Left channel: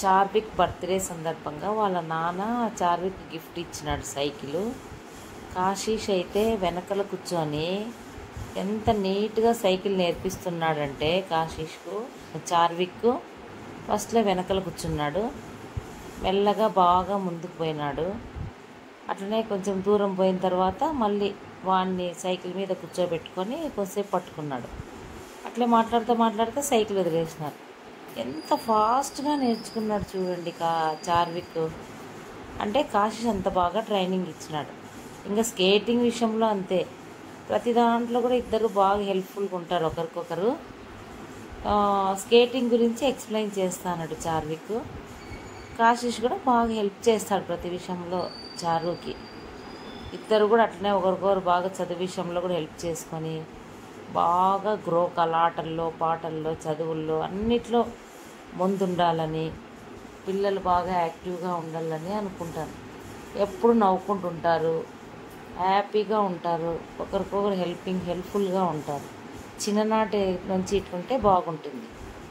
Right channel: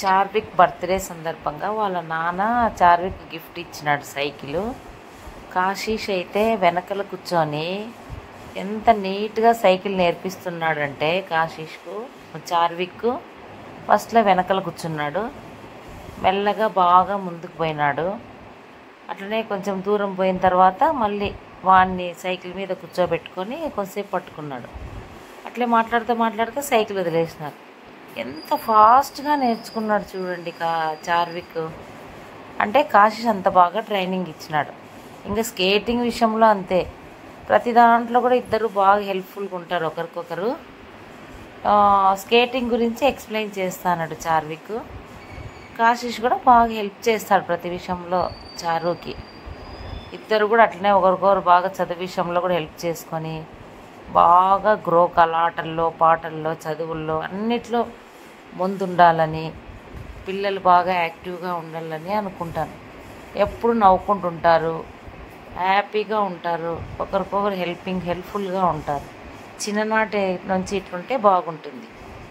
Charvik birthday సందర్భంగా వాళ్ళ నాన్న చార్విక్ గిఫ్ట్ ఇచ్చినాడు సైకిల్. కాశీష్ అయితే వెనకల కూర్చొని ఎంత నీట్గా సైకిల్ నేర్పిస్తున్నాడంటే కాశీష్కు చార్విక్ ఫస్ట్లో వెనకల కూర్చున్నాడు, మెల్లగా బాగా ముందుకు పోయినాడు. అట్లనే కొంచెం దూరం పోయిన తర్వాత మళ్ళీ వాడిని సైకిల్ మీద కూర్చోబెట్టుకొని కొంచెంసేపు పట్టుకున్నాడు. అట్లే మాట్లాడుతూ సైకిల్ వదిలేసినారు. ఎంత ఫాస్ట్గా నేర్చుకున్నాడు చూడండి చార్విక్. అంటే కాశీష్ అంత బాగా ట్రైనింగ్ ఇచ్చినాడు. ఇంకా స్కేటింగ్ విషయంలో అంతే, ప్రతి దాంట్లో కూడా ఇద్దరు బాగా హెల్ప్ఫుల్గా ఉంటారు ఒకరికొకరు. స్కేటింగ్ గురించి ఎక్స్ప్లెయిన్ చేస్తాడు చార్విక్. కాశీష్ కూడా బాగా హెల్ప్ చేస్తాడు ప్రతి విషయంలో చారుకి. ఇద్దరు కూడా అట్లనే ఒకరికొకరు బాగా చదువు విషయంలో కూడా హెల్ప్ చేసుకొని బాగా గ్రో ఆటల్లో, పాటల్లో, చదువుల్లో అన్నిట్లో ముందుండాలని, పిల్లలు బాగా యాక్టివ్గా ఉండాలని అనుకుంటాను. ఎప్పుడు నవ్వుకుంటుంటారు, హ్యాపీగా ఉంటారు, ఒకరికొకరు హెల్ప్ఫుల్గా ఉంటారు. చిన్ననాటి నుంచి ఇట్లుంటే బాగుంటుంది.